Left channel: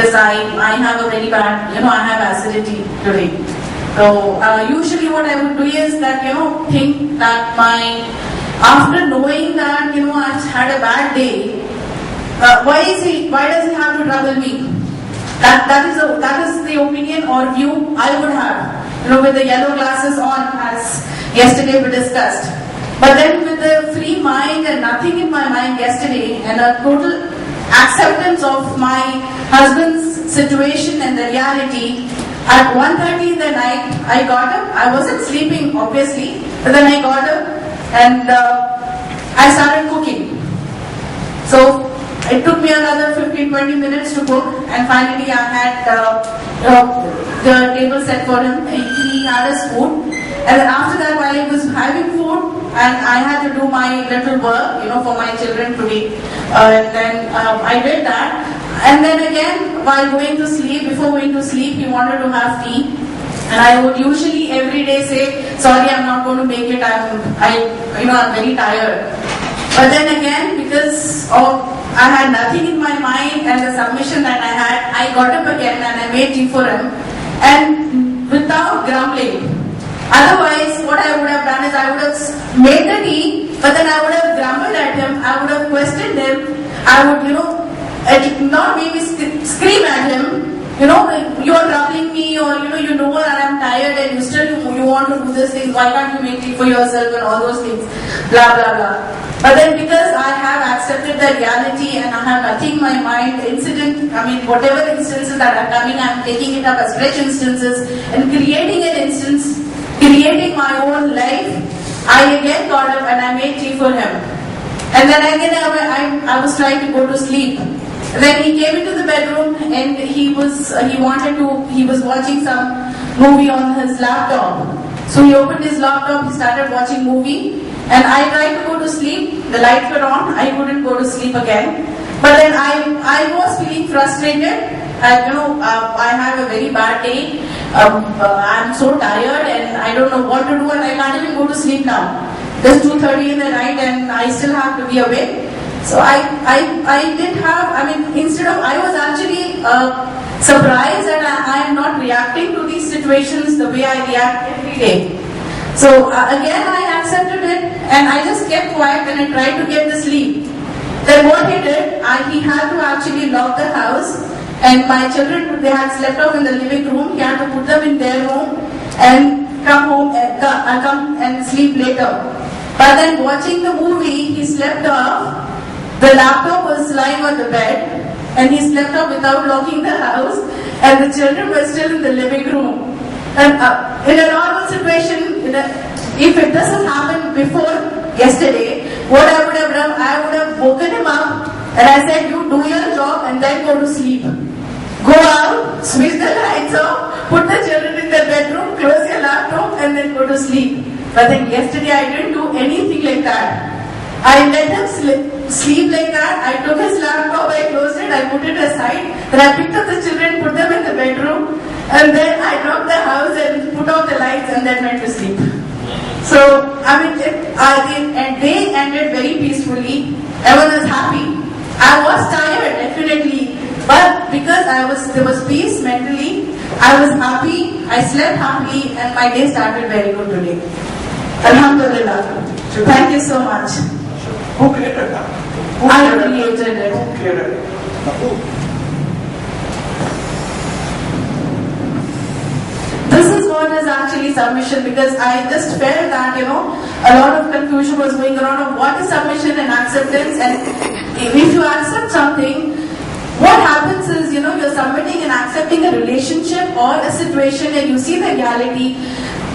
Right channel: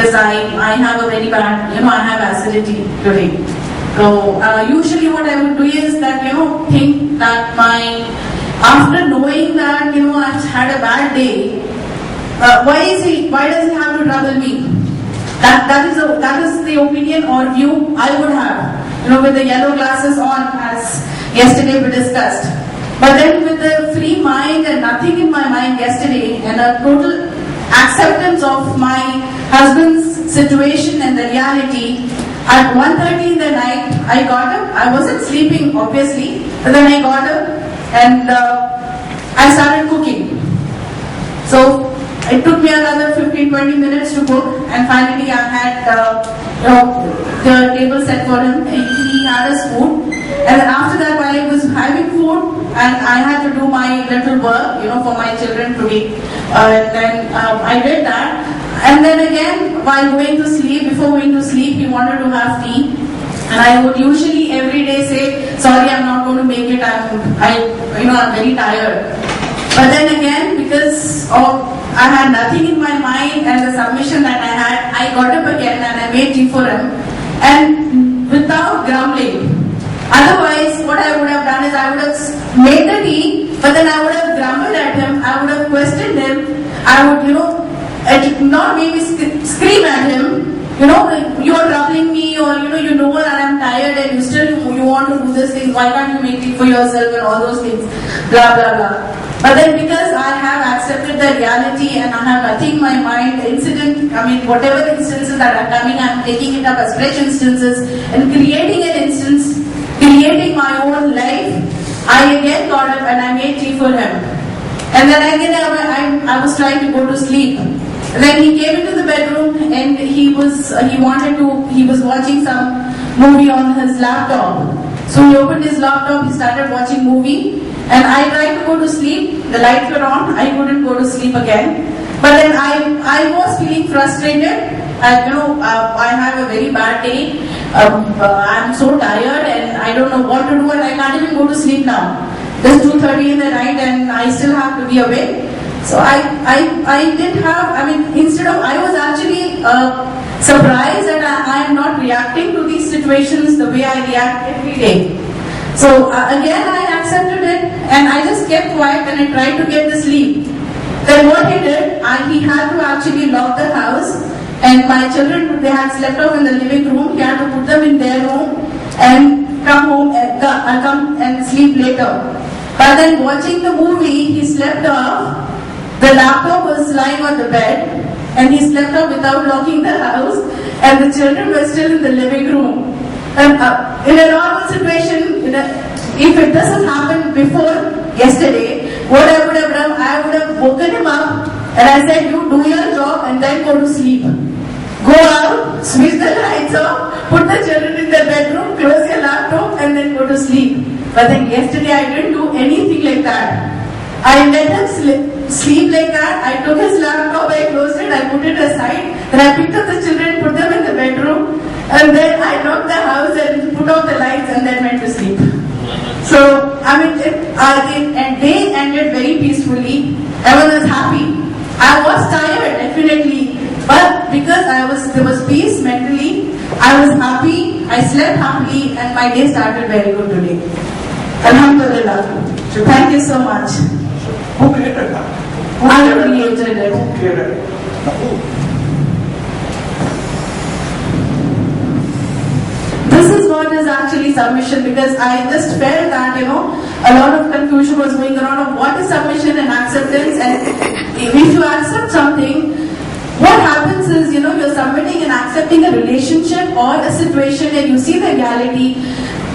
because I have a very bad, I have acidity today. So usually what I would do is that, think that after knowing that, I've had a bad day, why does he have to trouble me? That is the opinion or view I would have, with the yellow glasses on, as yesterday we discussed. But then with the free mind and nothing in my mind yesterday, and a total acceptance of my husband's situation and the reality, at 1:30 in the night, I got up. I wasn't sleeping, obviously, but then I got up and I started cooking. So it took me another 15-20 minutes to cook, and finally I had the table set for him. He had his food, and then after that, while I was having food, and I had to do my little work, for my children today, then I did that. And then again, while going to sleep, before going to sleep, he wanted to have tea. And I would usually every day say, sorry, I'm not going to make it, I'm very tired. But then again, because I had nothing in my mind and the submission that I had, I got up again and I made tea for him. And without grumbling. Otherwise, what I would have done is I would have made the tea, but then I would have grumbled at him, I would have questioned him, I would, not maybe scream at him, you're troubling me, or you know that I'm tired and you want to do this thing, why can't you make it for yourself and all those things, blah blah blah. But then because I have accepted the reality and I have nothing in my mind, whatever instances that are coming, I'm taking it up as fresh instances and creating an instance, creating my own life. I again got up and I made tea for him. And then again I was trying to go to sleep. Then he came into the bedroom and he was watching some movie on his laptop. So he opened his laptop, he started watching movie, and I tried to go to sleep. The lights were on, I couldn't go to sleep again. But then I was feeling frustrated. I have a very bad day. I'm so tired and I don't know what to do, and I can't even go to sleep now. It's 2:30 in the night and I still have to be awake. So I was actually surprised that I am not reacting to these situations the way I react every day. So again I accepted it and I just kept quiet and I tried to get the sleep. Then what he did, he had to actually lock the house, and my children, they had slept off in the living room. He had to put them in their room and come home and come and sleep later. But then watching the movie, he slept off. The laptop was lying on the bed and he slept off without locking the house, and the children were still in the living room. And in a normal situation, if it doesn't happen before yesterday, what I would have done, I would have woken him up and I said, you do your job and then go to sleep. Go out, switch the lights off, put the children in their bedroom, close your laptop and then go to sleep. But then yesterday I didn't do anything like that. I let him sleep like that. I took his laptop, I closed it, I put it aside. Then I picked up the children, put them in the bedroom, and then I locked the house and put out the lights and then went to sleep. So, they ended very peacefully. Everyone was happy. I was tired, definitely. But because there was peace mentally, I was happy, I slept happily, and my day started very good today. Alhamdulillah. Thank you so much. Who created that? I created it. Who created it? This is what is actually submission, because I just felt that, a lot of confusion was going around of what is submission and acceptance, and if you accept something, what happens is, you're submitting and accepting a relationship or a situation and you see the reality.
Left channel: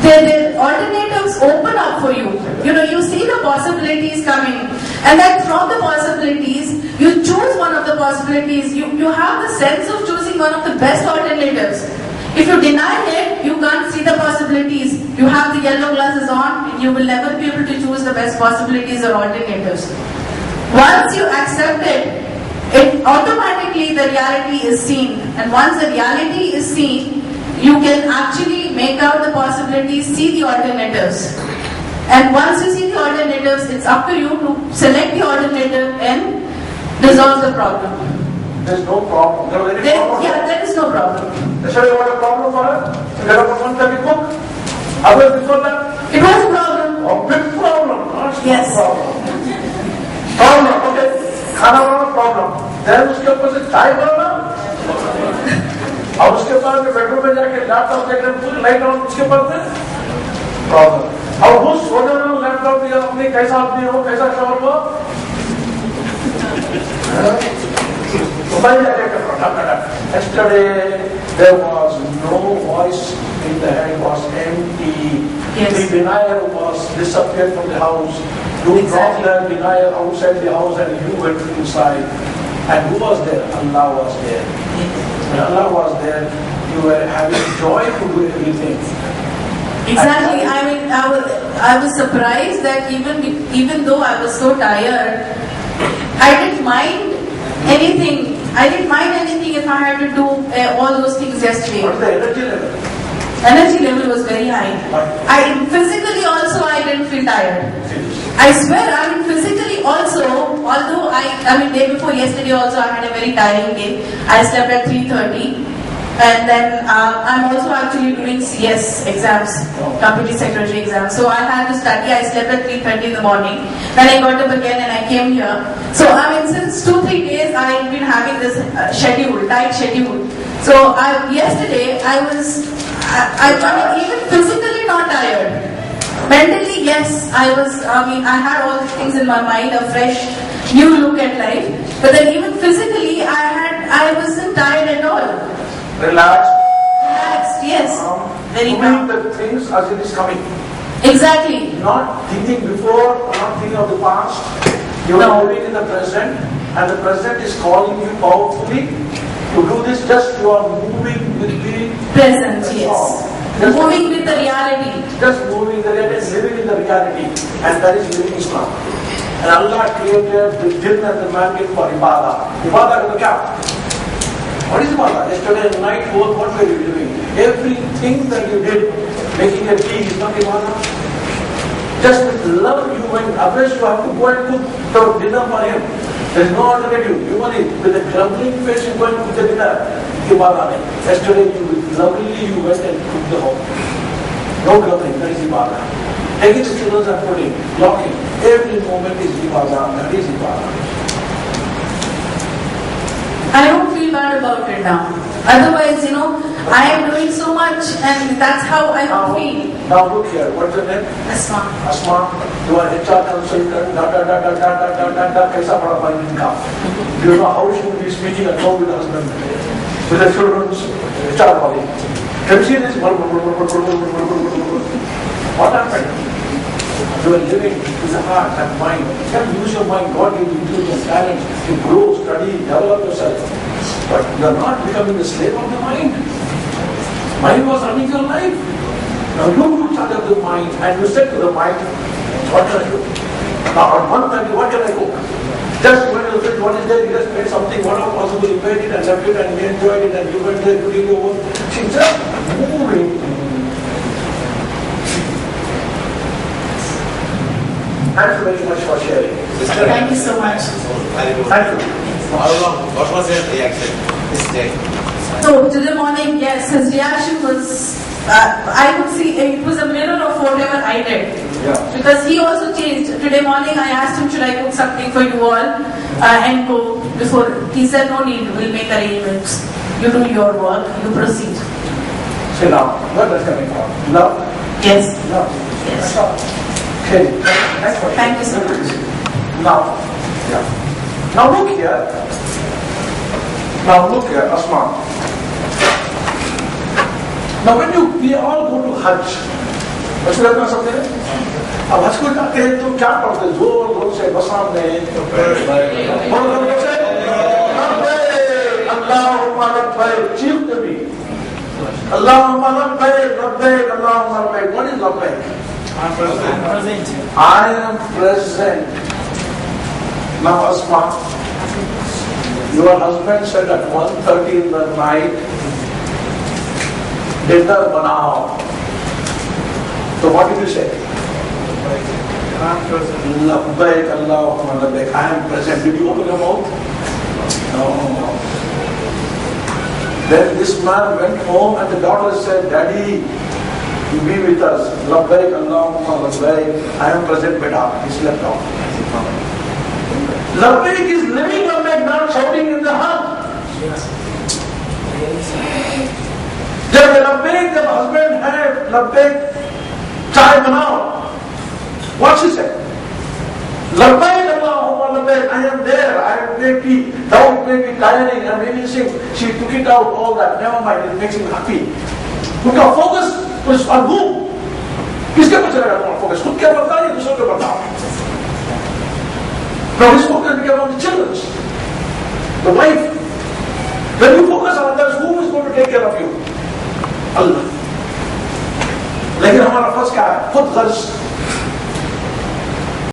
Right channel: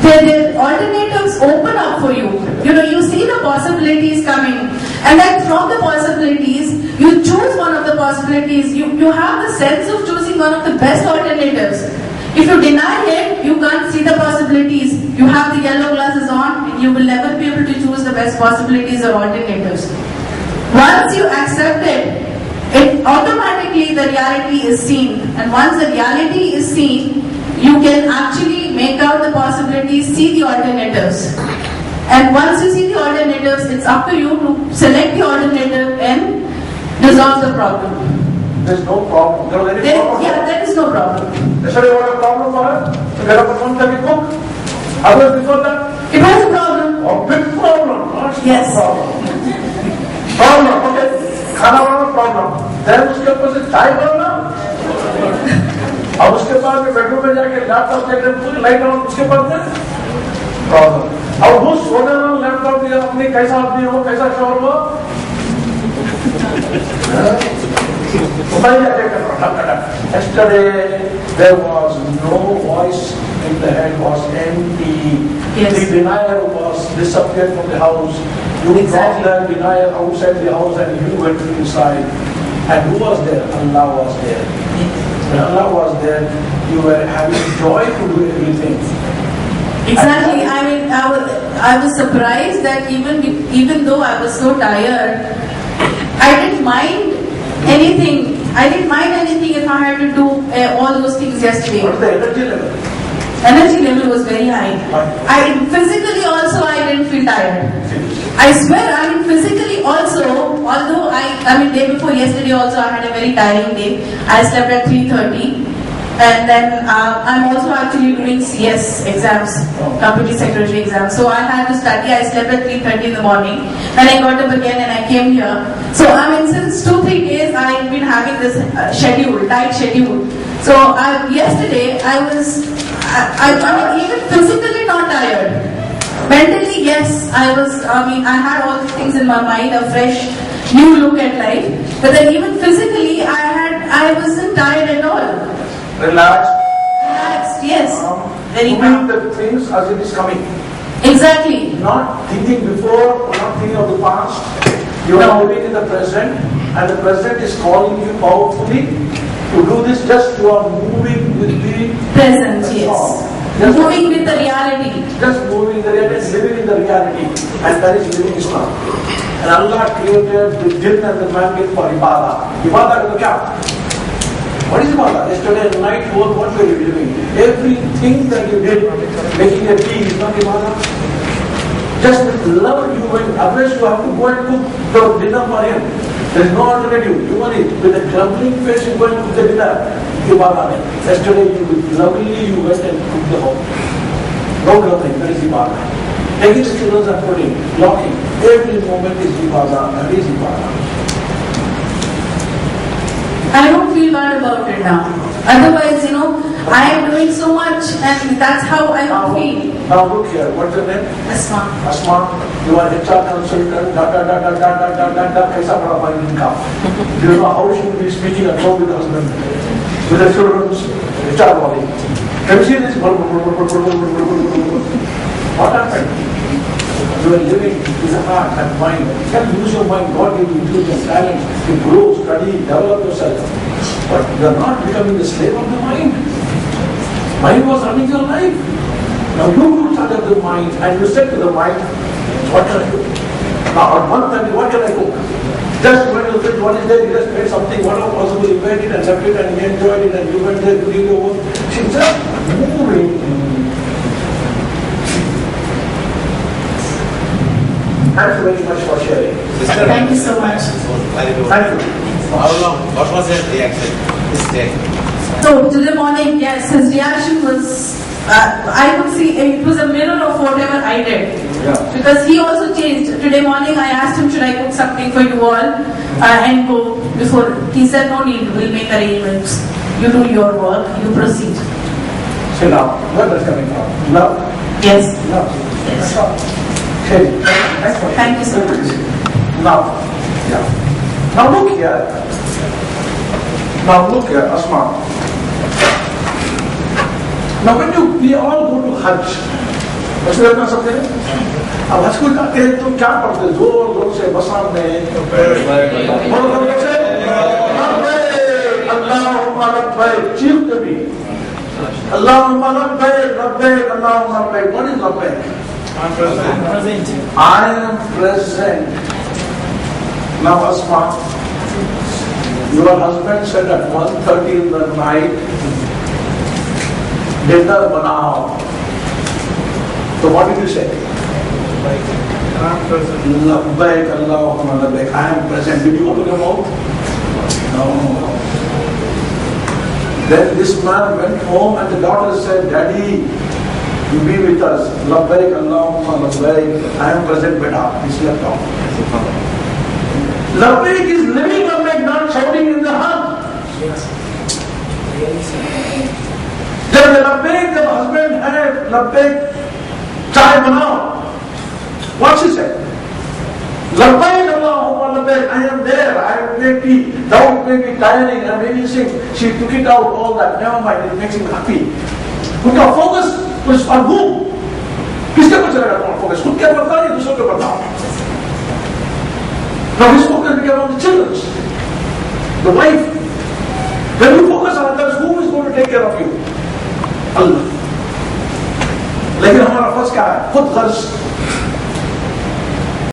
The alternatives open up for you. You see the possibilities coming, and then from the possibilities, you choose one of the possibilities. You have the sense of choosing one of the best alternatives. If you deny it, you can't see the possibilities. You have the yellow glasses on, and you will never be able to choose the best possibilities or alternatives. Once you accept it automatically the reality is seen, and once the reality is seen, you can actually make out the possibilities, see the alternatives. And once you see the alternatives, it's up to you to select the alternative and resolve the problem. There's no problem. There was any problem. Yeah, there is no problem. Yesterday was a problem for her. To get up at 1:30 cook. Otherwise before that, It was a problem. a big problem. Not small Yes. problem. Problem, okay. खाना बनाना problem. Then उसके ऊपर से चाय बनाना. और उसके बाद में bedroom में जाके लैपटॉप देखने पूरी लाइट ऑन उसके बाद में प्रॉब्लम. और वो सोने में लैपटॉप दिया अपने कैसा आदमी हो कैसा शोर हो. Yesterday there was no voice in the head, was empty. Yes. The denier was disappeared from the house. You dropped the denier outside the house and you went inside. And who was there? Allah was there. When Allah was there, you were having joy to do everything. Exactly. I mean, I was surprised that even though I was so tired, I didn't mind anything. I didn't mind anything if I had to do all those things yesterday. What is the energy level? Energy level was very high. Physically also I didn't feel tired. I swear, I mean physically also, although I mean day before yesterday also I had a very tiring day. I slept at 3:30. And then I'm also actually doing CS exams, company secretary exams. So I had to study. I slept at 3:30 in the morning. Then I got up again and I came here. So I mean, since 2-3 days I've been having this tight schedule. So yesterday I was, I mean, even physically not tired. Mentally, yes, I mean, I had all these things in my mind, a fresh, new look at life. But then even physically, I wasn't tired at all. Relaxed. Relaxed, yes. Very Doing calm. the things as it is coming. Exactly. Not thinking before, or not thinking of the past. You are No. living in the present, and the present is calling you powerfully to do this. Just you are moving with the Present, That's yes. all. Just Moving with the reality. Just moving the reality, living in the reality, and that is living Islam. And Allah created the jinn and the man for ibadah. Ibadah is what? What is ibadah? Yesterday night, what were you doing? Everything that you did, making a tea is not ibadah. Just with love you went, otherwise you have to go and cook the dinner for him. There is no alternative. You want it. With a grumbling face you go and cook the dinner. Ibadah. Yesterday you lovingly you went and cooked the home. No grumbling, that is ibadah. Taking the children and putting, locking. Every moment is ibadah, that is ibadah. I don't feel bad about it now. Otherwise, you know, I am doing so much and that's how I feel. Now look here, what's your name? Asma. Asma, you are HR consultant, kaisa bada bhai inka. You know how she will be speaking at home with the husband, with the children's HR body. Can you see this? What happened? You are living with the heart and mind. You can use your mind. God gave you intelligence, talent. You grow, study, develop yourself. But you are not becoming the slave of the mind. Mind was running your life. Now you looked at the mind and you said to the mind, what can I do? Now on 1:30, what can I cook? Just when you said what is there, you just made something, whatever possible, you made it and left it and you enjoyed it and you went there to do your work. She's just moving. Thank you very much for sharing. Thank you so much. Thank you. How long? What was your reaction this day? So today morning, yes, his reaction was, I could see it was a mirror of whatever I did. Yeah. Because he also changed. Today morning I asked him, should I cook something for you all and go before. He said, no need, we'll make arrangements. You do your work, you proceed. See now, where that's coming from? Love? Yes. Love. Yes. That's all. Okay. Thanks for Thank you so much. Now, yeah. Now look here. Now look here, Asma. Now when we all go to Hajj, बस करना समझे? अब हज को जाते हैं तो क्या पढ़ते? जोर जोर से बसाम में Allahumma labbaik, चीखते भी. Allahumma labbaik, labbaik, Allahumma labbaik. What is labbaik? I'm present. I am present. Now Asma, your husband said at 1:30 in the night, dinner banao. So what did you say? I'm present. Labbaik Allahumma labbaik. I am present. Did you open your mouth? No. Then this man went home and the daughter said, Daddy, you be with us. Labbaik Allahumma labbaik. I am present, beta. He slept off. Labbaik is living Labbaik, not shouting in the heart. जब Labbaik, the husband had Labbaik, chai banao. What she said? Labbaik Allahumma labbaik, I am there, I am maybe, though it may be tiring and maybe she took it out, all that, never mind, it makes him happy. उनका focus was on whom? किसके पर चला गया focus? खुद क्या करता है, दूसरों के बताओ. Now his focus became on the children, the wife. When you focus on others, who is going to take care of you? Allah. लेकिन हमारा फर्ज क्या है? खुद खर्च